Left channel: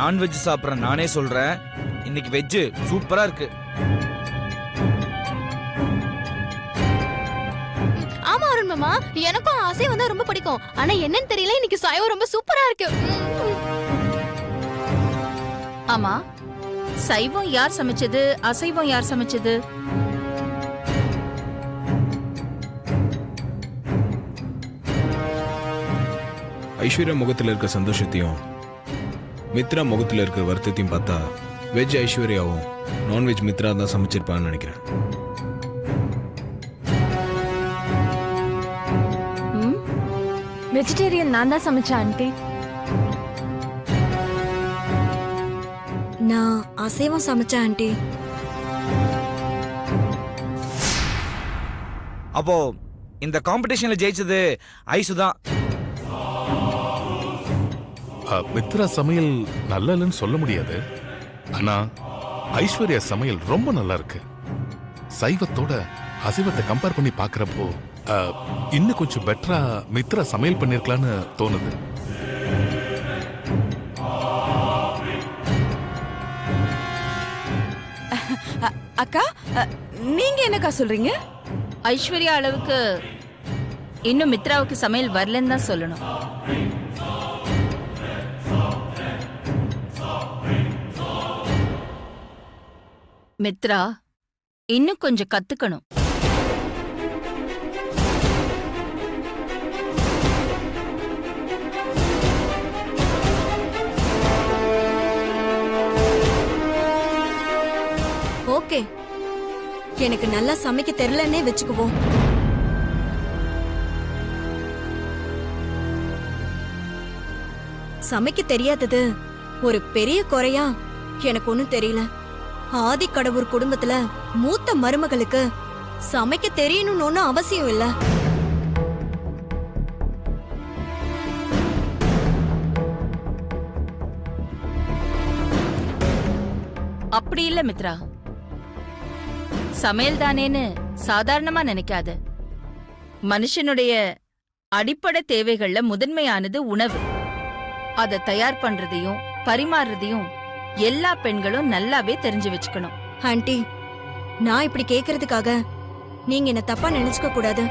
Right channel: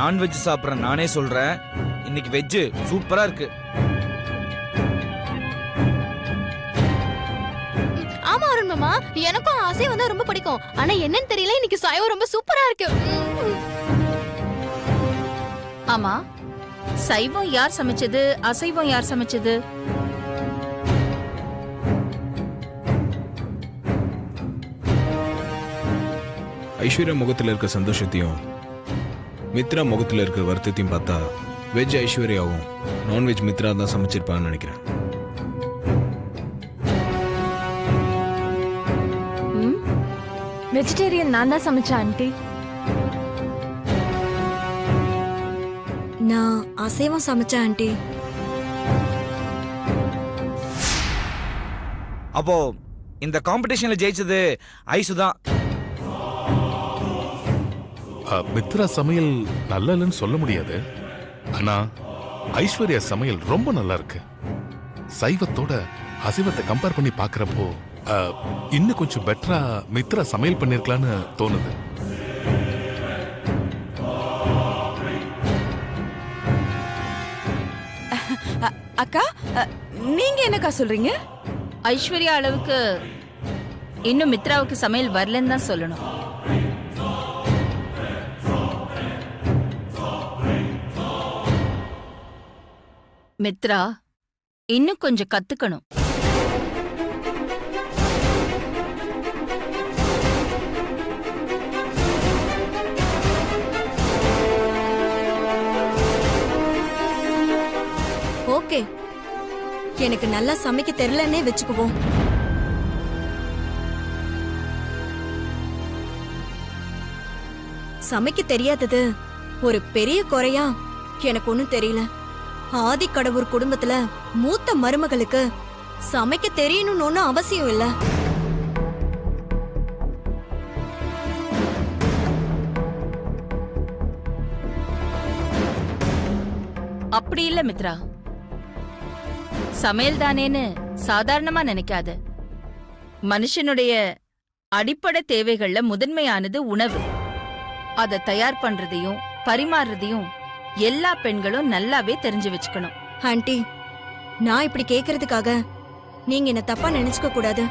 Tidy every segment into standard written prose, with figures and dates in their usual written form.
Non veg சாப்பிட்றேன் நானே சொல்றேன். இன்னைக்கு வெஜ் சூப்பரா இருக்கு. ஆமா அருண் மாமா, எனக்கும் அசைவம் தான் ரொம்ப பிடிக்கும். ஆனா என்னன்னு தெரியல, இன்னைக்கு சைவம் ரொம்ப சூப்பரா இருக்கு. ஆமா, சைவம் யார் சமைச்சது, அசைவம் யார் சமைச்சது? ஐஸ்வர்யா முகத்தில் இருக்க சந்தோஷத்தையும் மித்ரா முகத்தில் இருக்கிற வருத்தத்தையும் பார்த்தா வெஜ் ஐஸ்வர்யாவும் நான்வெஜ் மித்ரா தான் சமைச்சிருப்பான்னு நினைக்கிறேன். வெஜிடேரியன் நான் தான் சமைச்சேன் ஆண்டி. நான் அசைவம் சமைச்சேன் ஆண்டி. அப்போ இந்த காம்படிஷன்ல ஜெயிச்சது ஐசு தான். மித்ரா சமையல் நல்லா இல்லைன்னு சொல்ல முடியாது. ஆனா ஐஸ்வர்யா சமையல் ரொம்ப நல்லா இருக்கு. சைவத்தோட அசைவத்தை கம்பேர் பண்ணி பாக்குறப்போ இன்னும் கொஞ்சம் பெட்டரா மித்ரா சமையல் பண்ணிருக்கலான்னு தோணுது. அக்கா, நீங்க என்னக்கா சொல்றீங்க? ஐஸ்வர்யா அளவுக்கு இன்னும் மித்ராவுக்கு சமையல் வரலன்னு தான் சொல்லணும். மித்ரா இன்னும் கொஞ்சம் கத்துக்கணும். ஓகே, எனக்கு நல்லா சமைக்க தெரியலன்னே வச்சுக்குவோம். சமைக்க தெரியாதது ஒரு பெரிய குறையா எனக்கு ஒண்ணும் தெரியல. ஆதி கடவுர் குடும்பத்துல மூத்த மருமகளுக்கு சமைக்க தெரியணும்னு ஒண்ணும் அவசியம் இல்ல. அப்படி இல்ல மித்ரா, சமையல் தானேன்னு சாதாரணமா நினைக்காத. மனுஷனுடைய அடிப்படை தேவைகள்ல முதன்மையானது உணவு. அதை தயார் பண்றதையும் பரிமாறுறதையும் எல்லா பெண்களும் நல்லாவே தெரிஞ்சு வச்சுக்கணும். ஆண்டி, நான் இப்படி கேக்குறதுக்காக நீங்க என்ன தப்பா நினைச்சுக்க கூடாது.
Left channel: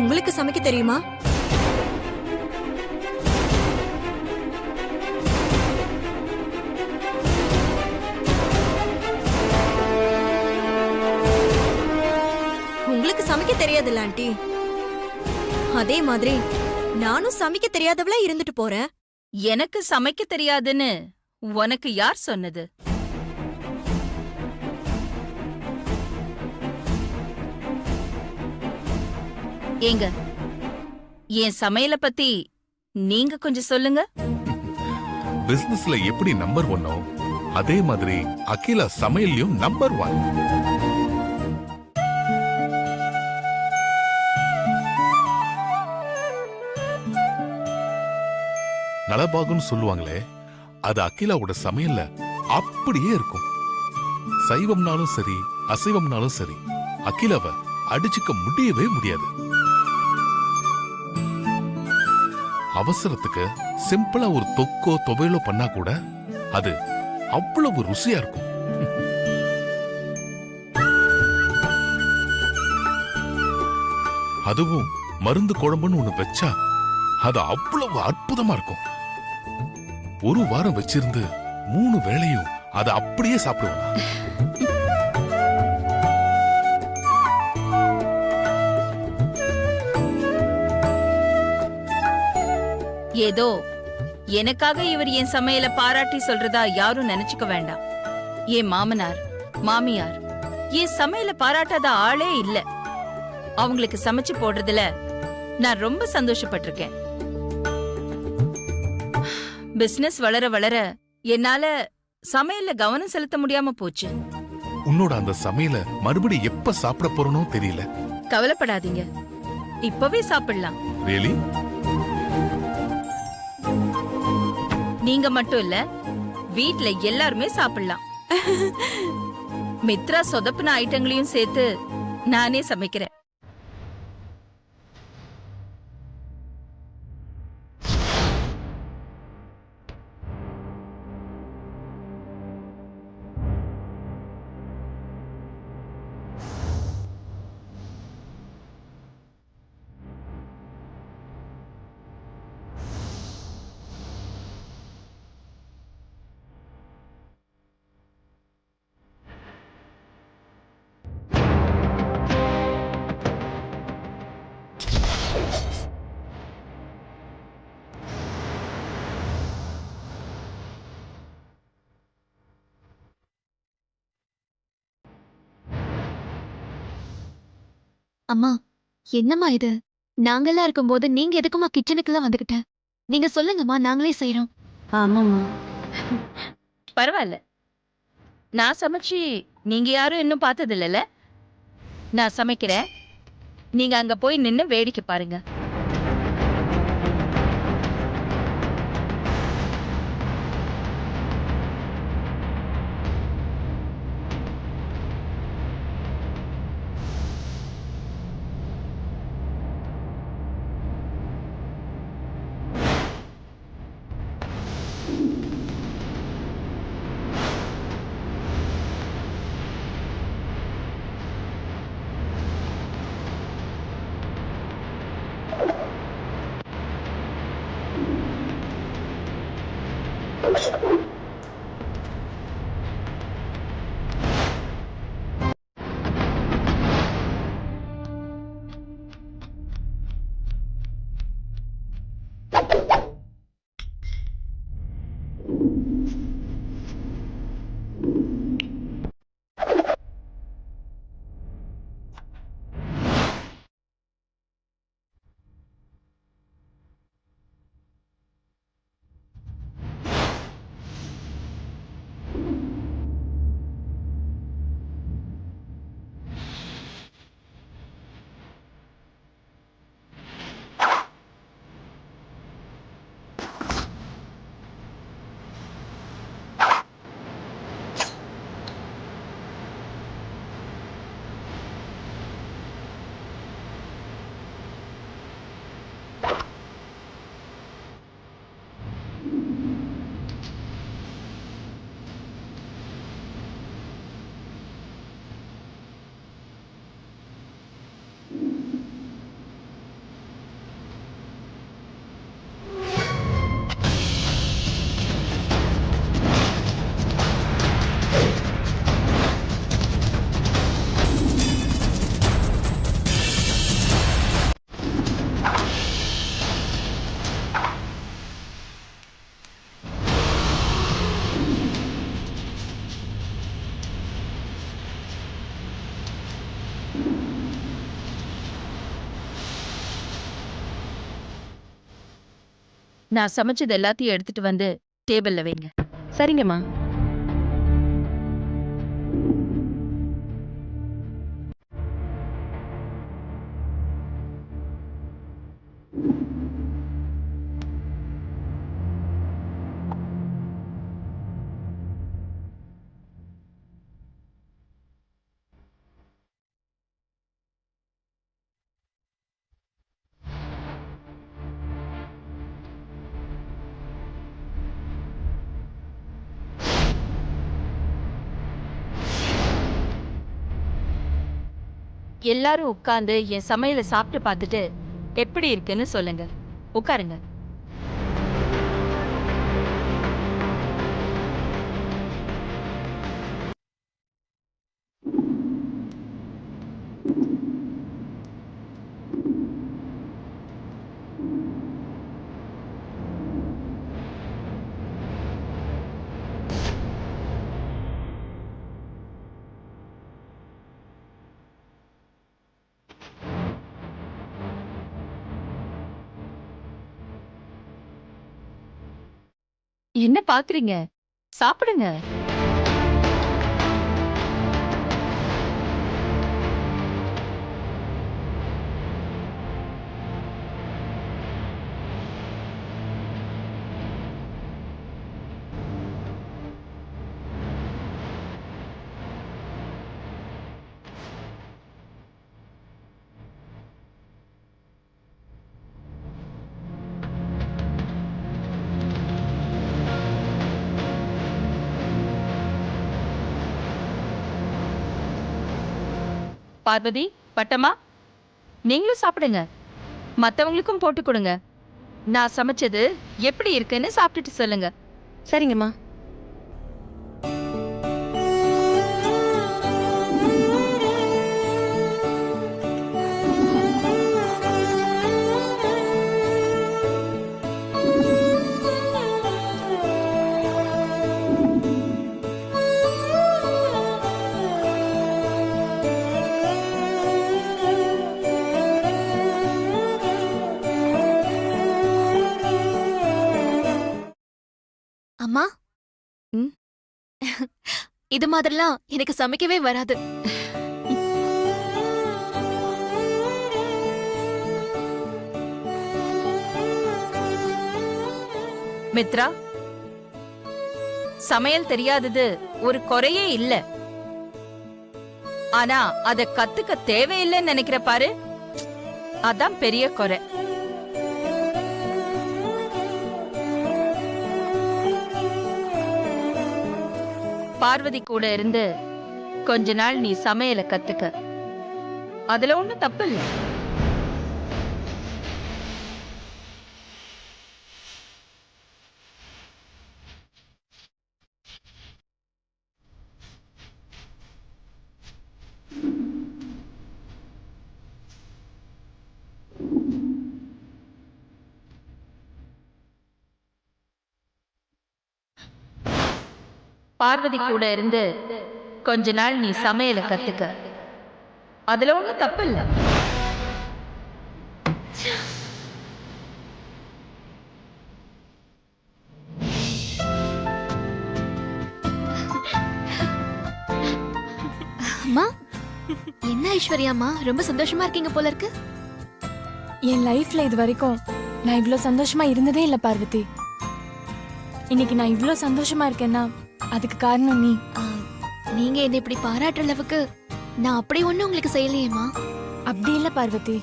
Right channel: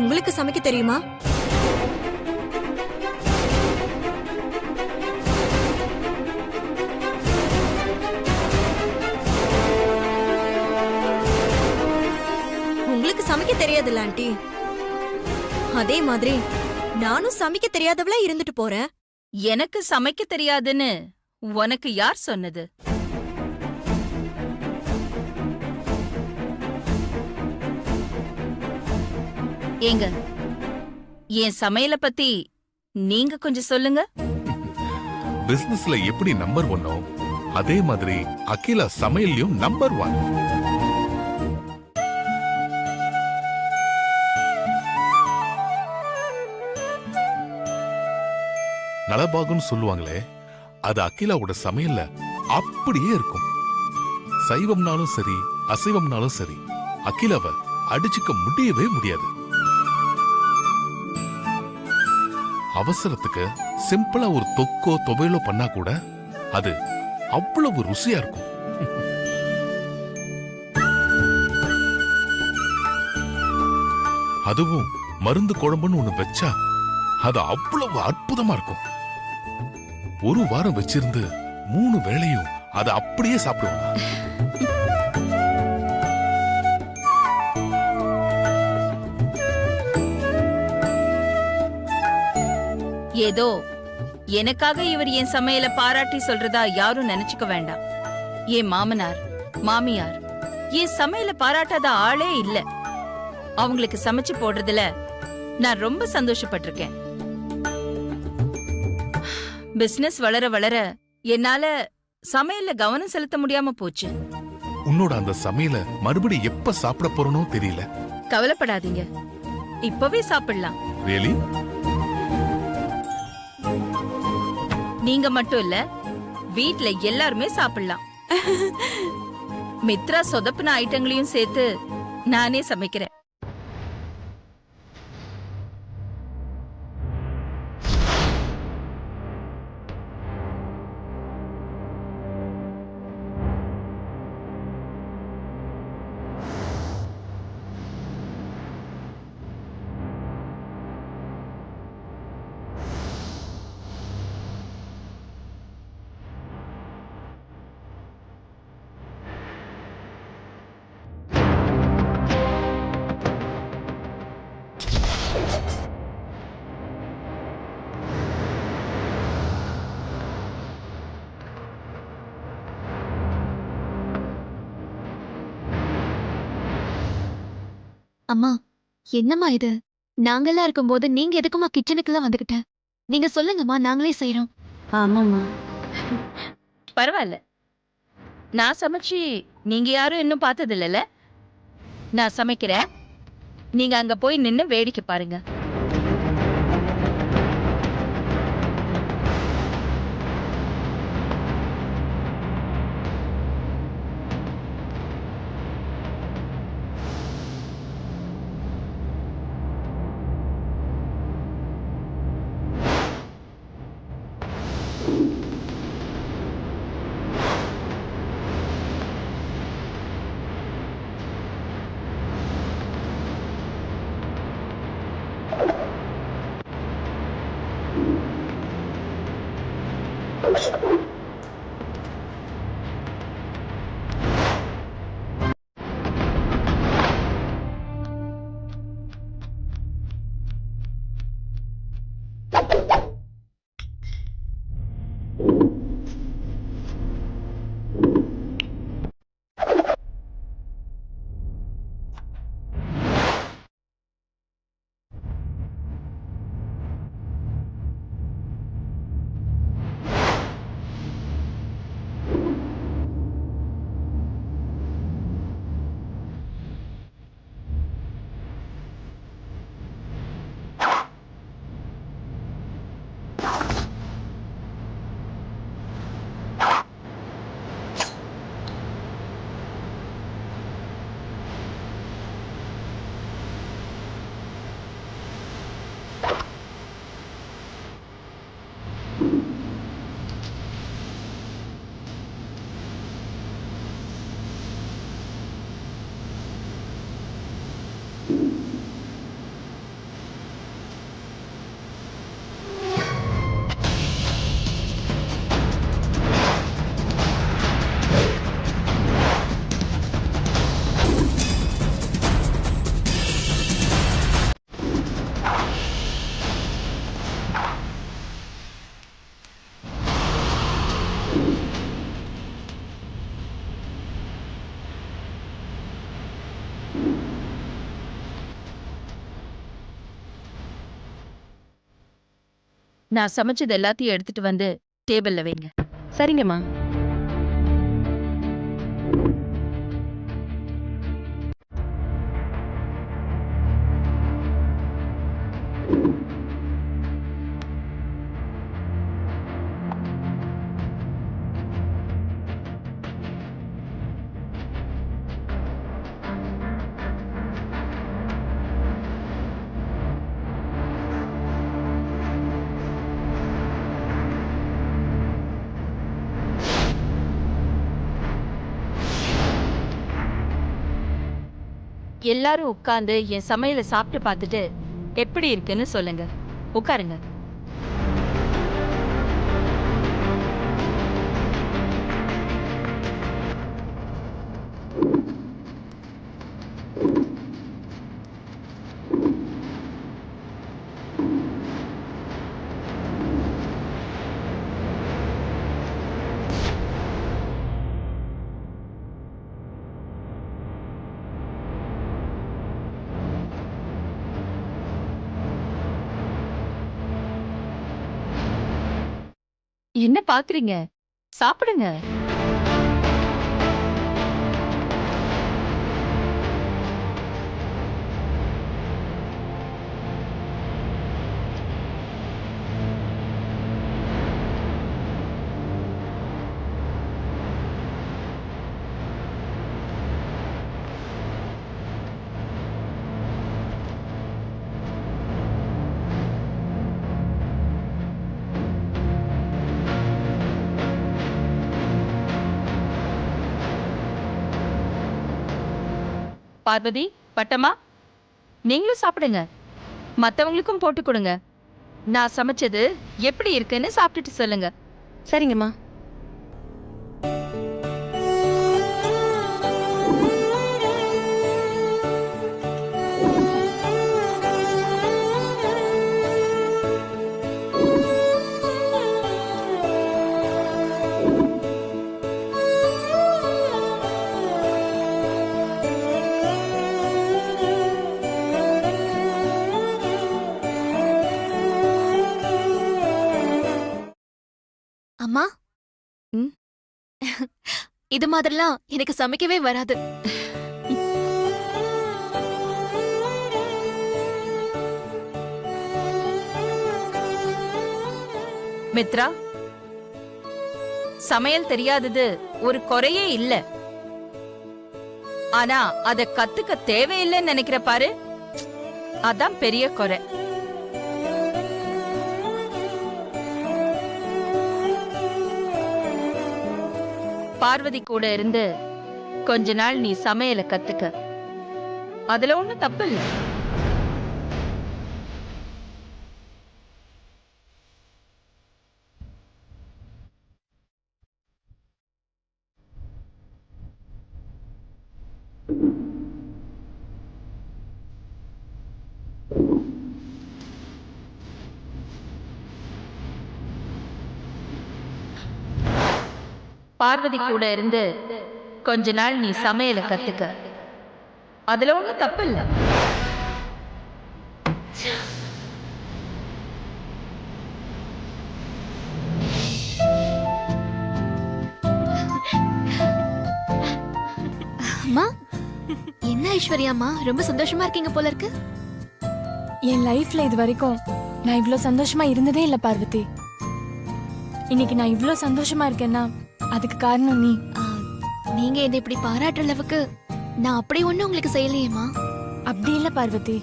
உங்களுக்கு சமைக்க தெரியுமா? உங்களுக்கு சமைக்க தெரியாதுல்ல ஆண்டி? அதே மாதிரி நானும் சமைக்க தெரியாதவளா இருந்துட்டு போறேன். எனக்கு சமைக்க தெரியாதுன்னு உனக்கு யார் சொன்னது? ஏங்க, என் சமையல பத்தி நீங்க கொஞ்சம் சொல்லுங்க. பிசினஸ்ல எப்படி நம்பர் 1 அதே மாதிரி அகிலா சமையல்லையும் நம்பர் 1. நலபாகுன்னு சொல்லுவாங்களே, அது அகிலாவோட சமையல்ல அப்படியே இருக்கும். சைவம்னாலும் சரி அசைவம்னாலும் சரி அகிலாவை அடிச்சுக்க முடியவே முடியாது. அவசரத்துக்கு சிம்பிளா ஒரு தொக்கோ துவையலோ பண்ணா கூட அது அவ்வளவு ருசியா இருக்கும். அதுவும் மருந்து குழம்புன்னு ஒண்ணு வச்சா அது அவ்வளவு அற்புதமா இருக்கும். ஒரு வாரம் வச்சிருந்து 3 வேளையும் அதை அப்படியே சாப்பிடுவாங்க. ஏதோ எனக்காக இவர் என் சமையல பாராட்டி சொல்றதா யாரும் நினைச்சுக்க வேண்டாம். என் மாமனார் மாமியார் என் சமையல பாராட்டாத ஆளே இல்ல. அவங்களுக்கு சமைச்சு போடுறதுல நான் ரொம்ப சந்தோஷப்பட்டிருக்கேன். பிசினஸ் வளர வளர என்னால சமையல்ல கவனம் செலுத்த முடியாம போச்சு. உன்னோட அந்த சமையல மறுபடியும் எப்ப சாப்பிட போறனோ தெரியல. கவலைப்படாதீங்க, இப்பவே சாப்பிடலாம். ரியலி? நீங்க மட்டும் இல்ல, வீட்ல எல்லாருமே சாப்பிடலாம். மித்ரா சொதப்புன ஐட்டங்களையும் சேர்த்து நானே சமைக்கிறேன். அம்மா என்னம்மா இது நாங்கெல்லாம் இருக்கும்போது நீங்க எதுக்குமா கிச்சனுக்குலாம் வந்துகிட்ட நீங்க சொல்லுங்கம்மா நாங்களே செய்யறோம். ஆமாம்மா. பரவாயில்ல, நான் சமைச்சு நீங்க யாரும் இன்னும் பார்த்தது இல்லைல்ல. நான் சமைக்கிறேன், நீங்க அங்க போய் நின்னு வேடிக்கை பாருங்க. நான் சமைச்சது எல்லாத்தையும் எடுத்துட்டு வந்து டேபிள்ல வைங்க. சரிங்கம்மா. எல்லாரும் உட்கார்ந்து என் சமையலை சாப்பிட்டு பார்த்துட்டு எப்படி இருக்குன்னு சொல்லுங்க. உட்காருங்க. என்ன பாக்குறீங்க? சாப்பிடுங்க. பார்வதி, பட்டம்மா, நீங்களும் சாப்பிடுங்க. மத்தவங்களுக்கும் போட்டு கொடுங்க. நான் சமைச்சது எப்படி இருக்குன்னு சாப்பிட்டுட்டு சொல்லுங்க. சரிங்கம்மா. இது மாதிரிலாம் எனக்கு சமைக்கவே வராது. மித்ரா, சமையல் தெரியாதது ஒரு குறையே இல்ல. ஆனா அத கத்துக்க தேவையில்லைன்னு நினைக்கிற பாரு, அதான் பெரிய குறை. பார்வதி கூட இருந்து கொஞ்ச நாள் நீ சமையலை கத்துக்க. அதுல ஒண்ணும் தப்பு இல்ல. பார்வதி கூட இருந்து கொஞ்ச நாள் நீ சமையலை கத்துக்க. அதுல ஒண்ணும் தப்பு இல்ல. அம்மா, என்ன ஐஸ்வர்யாம்மா ரொம்ப சந்தோஷமா இருக்கீங்க போல இருக்கு. என் லைஃப்ல இது வரைக்கும் நான் இவ்ளோ சந்தோஷமா இருந்ததே இல்ல பார்வதி. இன்னைக்கு நான் இவ்ளோ சந்தோஷமா இருக்கேன்னா அதுக்கு காரணம் நீ. நீங்க என்ன இப்படி பாராட்டுற அளவுக்கு நான் அப்படி ஒண்ணும் உங்களுக்கு செய்யலையேம்மா. அப்படி இல்ல பார்வதி.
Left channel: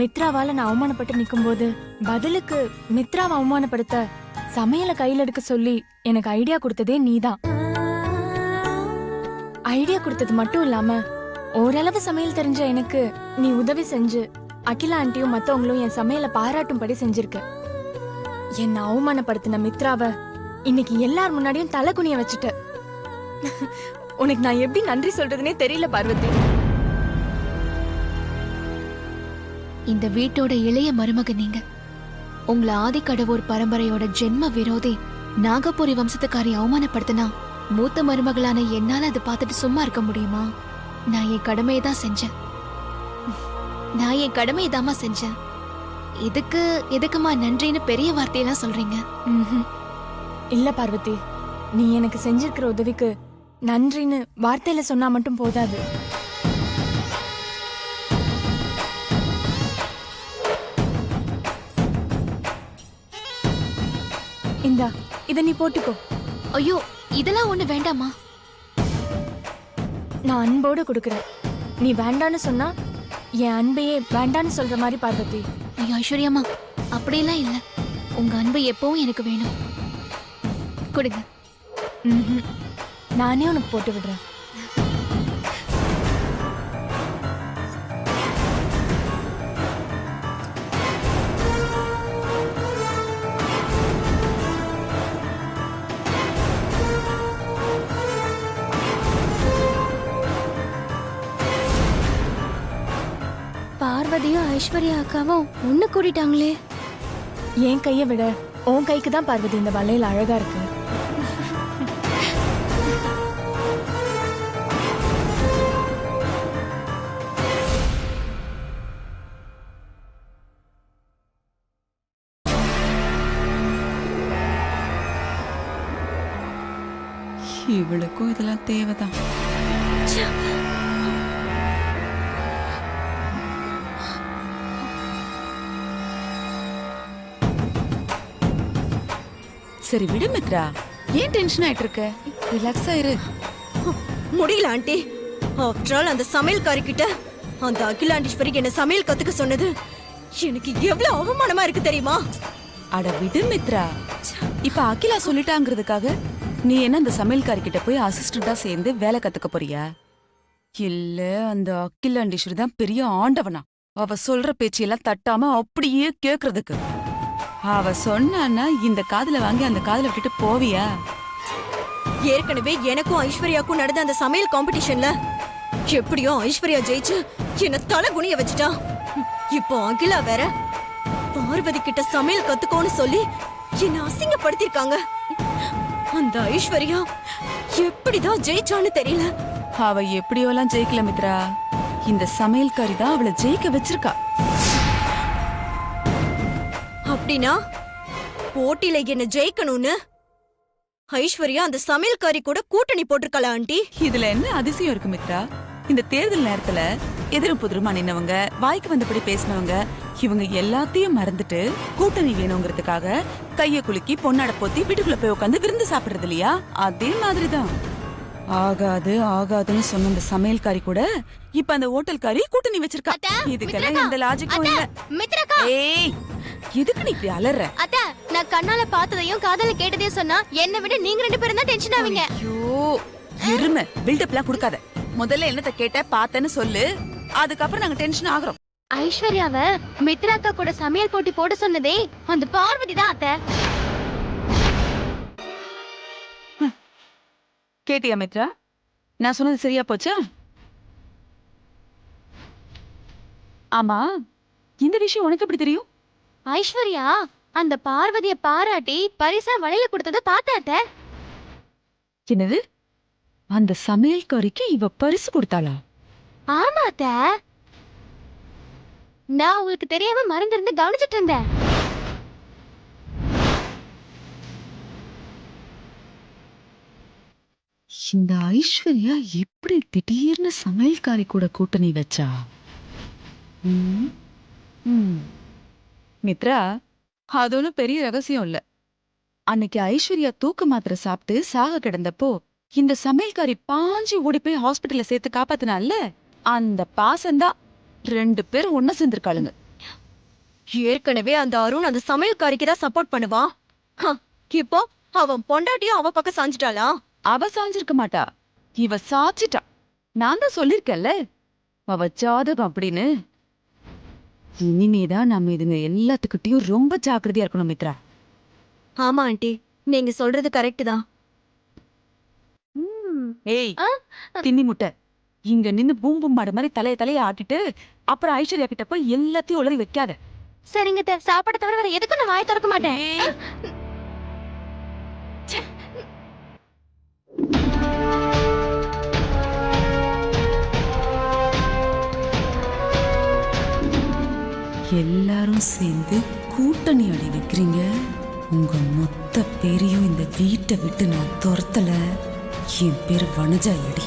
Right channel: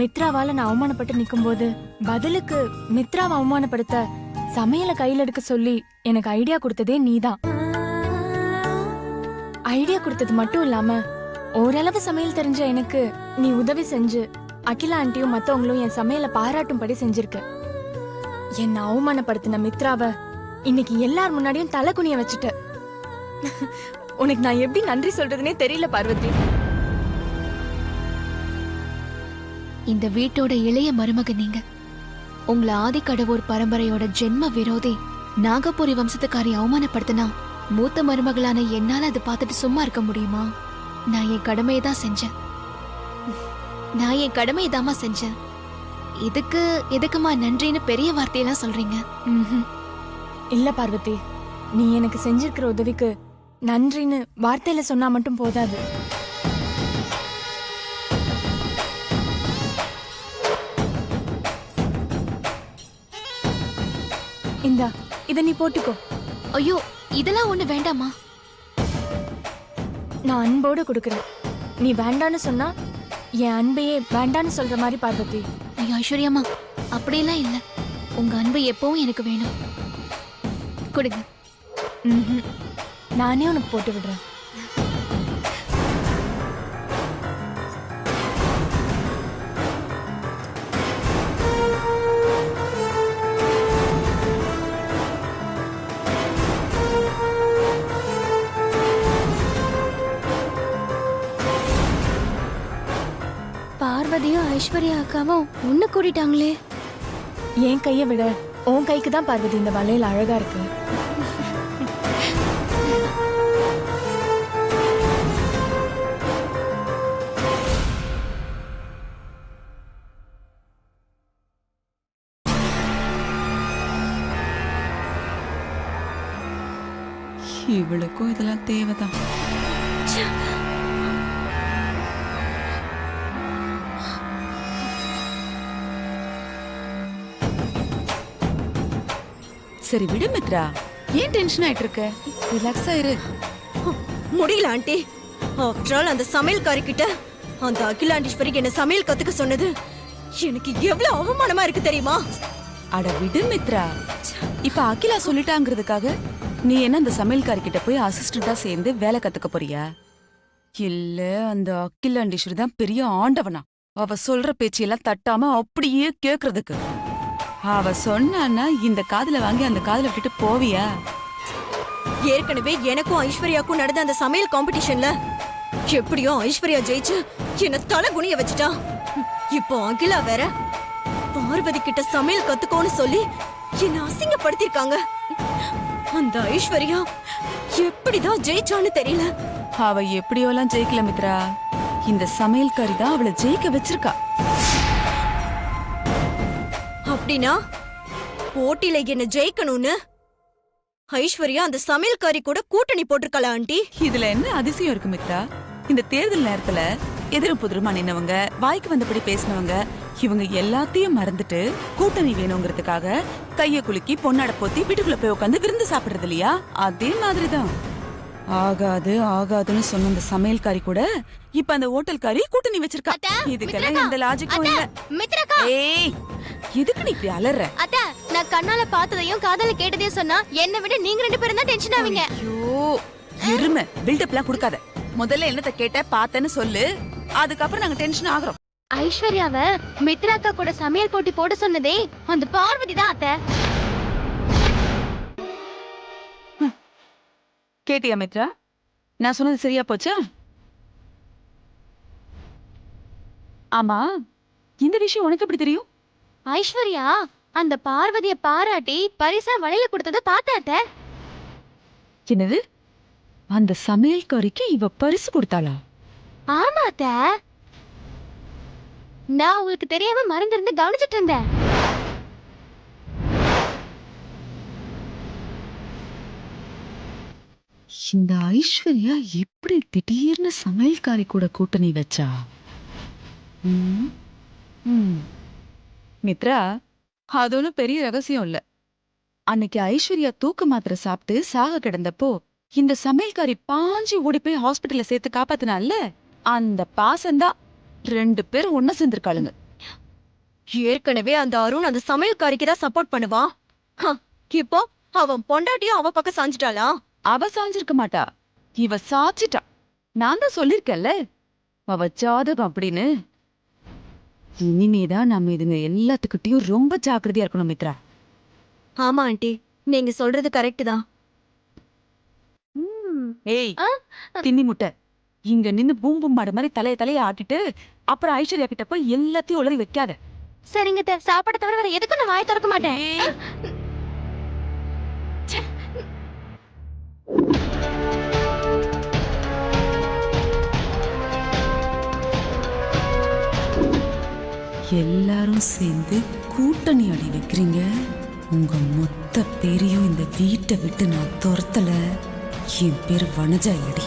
மித்ராவால நான் அவமானப்பட்டு நிக்கும்போது பதிலுக்கு மித்ராவை அவமானப்படுத்த சமையலை கையில எடுக்க சொல்லி எனக்கு ஐடியா கொடுத்ததே நீதான். ஐடியா கொடுத்தது மட்டும் இல்லாம ஓரளவு சமையல் தெரிஞ்ச எனக்கு நீ உதவி செஞ்சு அகிலா ஆண்டியும் மத்தவங்களும் என் சமையலை பாராட்டும்படி செஞ்சிருக்க. என்ன அவமானப்படுத்தின மித்ராவை இன்னைக்கு எல்லார் முன்னாடியும் தலை குனிய வச்சுட்ட. உனக்கு நான் எப்படி நன்றி சொல்றதுனே தெரியல பார்வதி. இந்த வீட்டோட இளைய மருமக நீங்க. உங்களை ஆதிக்கடவுர் பரம்பரையோட ஜென்ம விரோதி நாகபுரி வம்சத்துக்காரி அவமானப்படுத்தினா மூத்த மருமகளான என்னால அதை பார்த்துட்டு சும்மா இருக்க முடியுமா? நான் என் கடமையை தான் செஞ்சேன். இதுக்கு எதுக்குமா நன்றின்னு பெரிய வார்த்தையெல்லாம் சொல்றீங்க? இல்ல பார்வதி, நீ எனக்கு செஞ்சிருக்கிற உதவிக்கு நன்றின்னு வார்த்தையில சொன்னா மட்டும் போதாது. இந்தா, இத நீ போட்டுக்கோ. ஐயோ, இதெல்லாம் ஒண்ணு வேண்டாமா. நான் அன்போடு கொடுக்கறேன். நீ வேண்டான்னு சொன்னா என் அன்பையே வேண்டான்னு சொல்ற மாதிரி பார்வதி. ஐயோ ஐஸ்வர்யாமா, அப்படியெல்லாம் இல்ல. உங்க அன்பு எப்பவும் எனக்கு வேணும். கொடுங்க. நானே உனக்கு போட்டு விடுறேன். பார்வதியும் ஐஸ்வர்யா அக்காவும் ஒண்ணு கூடிட்டாங்களே. என் கையை விட உன் கைக்கு தான் பார்வதி இந்த வளையல் அழகா இருக்கு. இவளுக்கும் இதெல்லாம் தேவைதான். சரி விடு மித்ரா, ஏன் டென்ஷன் ஆயிட்டு இருக்க? ரிலாக்ஸா இரு. முடியல ஆண்டி. ஆஃப்டர் ஆல் அந்த சமையல்காரி கிட்ட அந்த அகிலாண்டீஸ்வரிக்கு என்ன சமையல் கத்துக்க சொன்னது எனக்கு எவ்வளவு அவமானமா இருக்கு தெரியுமா? அட விடு மித்ரா, இப்ப அகிலா சொல்லிட்டாங்கிறதுக்காக நீ என்ன அந்த சமையல்காரி கிட்ட போய் அசிஸ்டண்டா சேர்ந்து வேலை கத்துக்க போறியா? இல்ல அந்த அகிலாண்டீஸ்வரி தான் பெரிய ஆண்டவனா? அவ சொல்ற பேச்செல்லாம் தட்டாம அப்படியே கேக்குறதுக்கு அவ சொன்னான்னா இந்த காதுல வாங்கி அந்த காதுல விட்டுட்டு போவியா? ஏற்கனவே எனக்கும் ஐஸ்வர்யாக்கும் நடந்த அந்த சமையல் காம்படிஷன்ல எப்படியோ ஐஸ்வர்யா ஜெயிச்சு என்ன தலை குனிய வச்சுட்டா. இப்போ அகிலா வேற பார்வதி கிட்ட சமையல் கத்துக்கோன்னு சொல்லி என்ன அசிங்கப்படுத்திருக்காங்க. அந்த ஐஸ்வர்யா எப்படிதான் ஜெயிச்சான்னு தெரியல. அவ எப்படியோலாம் ஜெயிக்கல மித்ரா, இந்த சமையல்காரி தான் அவளை ஜெயிக்க வச்சிருக்கா. அப்படின்னா போட்டியில என்ன ஜெயிக்கணும்னு ஐஸ்வர்யா அந்த சமையல்காரி கூட கூட்டணி போட்டிருக்கல ஆண்டி. இதுல என்ன அதிசயம் இருக்கு மித்ரா? இந்த தேர்தல் நேரத்துல எதிரும் புதிருமா நின்னவங்க, வாய்க்கு வந்தபடி பேசினவங்க, இவங்க எல்லாத்தையும் மறந்துட்டு கூட்டணி வேணுங்கிறதுக்காக கைய குலுக்கி பொண்ணாட போத்தி வீட்டுக்குள்ள போய் உட்காந்து விருந்து சாப்பிடுறது இல்லையா? அதே மாதிரிதான். ஆகாது ஆகாதுன்னு சொன்ன அந்த சமையல்காரி கூட இப்ப அந்த ஹோட்டல்காரி கூட்டணி வச்சிருக்கா. இதுக்கெல்லாம் எந்த லாஜிக்கும் இல்ல. மித்ரக்கா, ஏய், எதுக்கு நீ இப்படி அலற? அத்த, நான் கண்ணால பார்த்ததையும் காதால கேட்டதையும் சொன்னா என்ன விட நீங்க 2 பேரும் தான் டென்ஷன் ஆவீங்க. ஐயோ, எருமை பில்டப்லாம் கொடுக்காத. முதல்ல என்னத்த கேட்ட பார்த்தேன்னு சொல்லு, அதுக்கப்புறம் நாங்க டென்ஷன் ஆகுறோம். ஐஸ்வர்யாவ மித்ராக்கா கூட சமையல் போட்டி போட சொன்னதே அந்த பார்வதி தான் அத்த. கேட்டியா மித்ரா? நான் சொன்னது சரியா போச்சா? ஆமா, இந்த விஷயம் உனக்கு எப்படி தெரியும்? ஐஸ்வர்யா அந்த பார்வதிய பாராட்டி பரிசா வளையல கொடுத்தத பார்த்தாட்ட. என்னது? அந்த சமையல்காரிக்கு இவ பரிசு கொடுத்தாளா? ஆமா அத்த, நான் உங்களுக்கு தெரியாம மறந்திருந்து கவனிச்சிட்டு இருந்தேன். இந்த ஐஸ்வர்யா எப்படி திடீர்னு சமையல்காரி கூட கூட்டணி வச்சா? மித்ரா, அது ஒன்றும் பெரிய ரகசியம் இல்ல. அன்னைக்கு ஐஸ்வர்யா தூக்க மாத்திரை சாப்பிட்டு சாக கிடந்தப்போ இந்த சமையல்காரி பாஞ்சு ஓடி போய் ஹாஸ்பிட்டல்ல சேர்த்து காப்பாத்தினால அந்த பாசம்தான் 2 பேரும் ஒன்ன சேர்ந்திருக்காளுங்க. ஏற்கனவே அந்த அருண் அந்த சமையல்காரிக்கு தான் சப்போர்ட் பண்ணுவான். இப்போ அவன் பொண்டாட்டியும் அவ பக்கம் சாஞ்சிட்டாளா? அவ சாஞ்சிருக்க மாட்டா, இவ சாச்சிட்டா. நான் தான் சொல்லிருக்கேன்ல, அவ ஜாதகம் அப்படின்னு. இனிமேதான் நம்ம இதுங்க எல்லாத்துக்கிட்டையும் ரொம்ப ஜாக்கிரதையா இருக்கணும் மித்ரா. ஆமா ஆண்டி, நீங்க சொல்றது கரெக்ட் தான். ஏய், தின்னி முட்டை, இங்க நின்னு பூம்பும் மாடு மாதிரி தலைய ஆட்டிட்டு அப்புறம் ஐஸ்வர்யா கிட்ட போய் எல்லாத்தையும் உளறி வைக்காத. சரிங்க அத்தை, சாப்பாடு தவிர வேற எதுக்கும் நான் வாய் திறக்க மாட்டேன். எல்லாரும் சேர்ந்து கூட்டணி அடி வைக்கிறீங்க. உங்க மொத்த பேரையும் இந்த வீட்டை விட்டு நான் துரத்தல. என் பேர் வனஜா இல்லடி.